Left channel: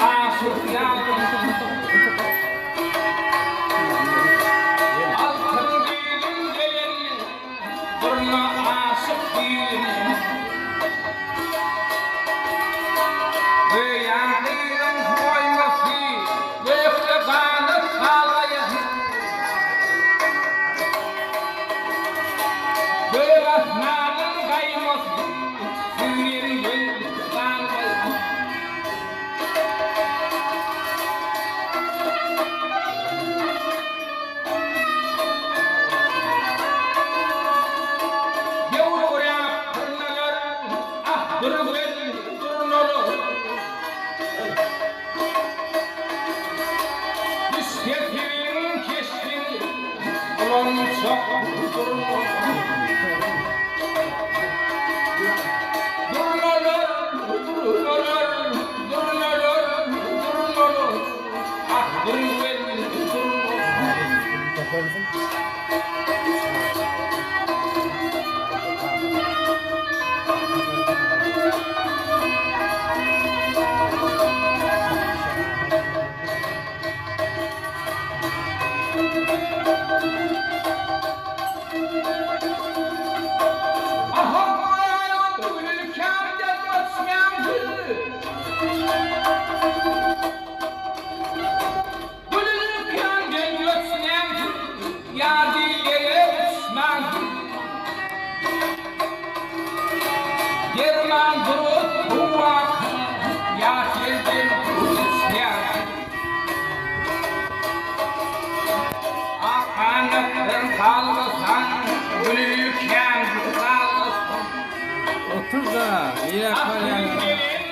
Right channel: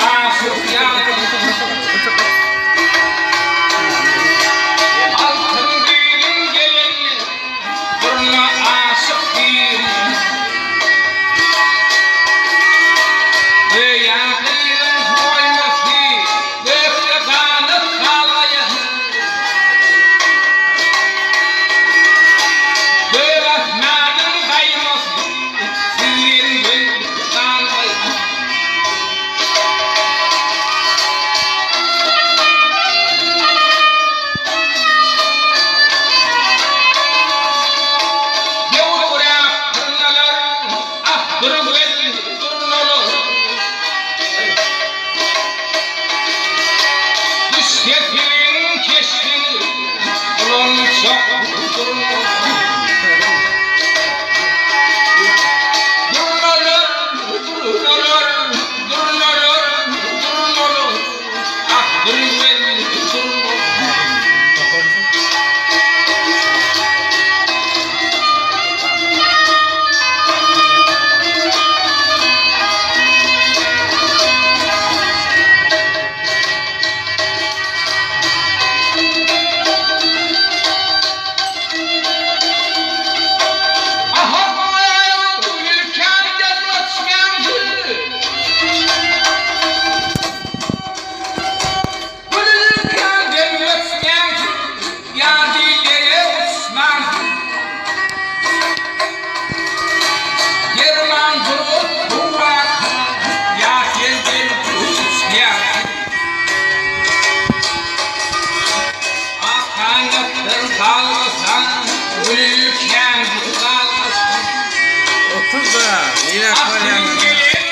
aşık yarim altın gelin gelin durma aşık değilim ve yakın koyması ve kafanı kalayın ve rahmanın kayması sizin gün kalayın durun olur. Düşketin keşfini ulan çok durun olur. Durun olur, durun olur, durun olur, durun olur. Ah durun olur. Otur da, yine koyalım.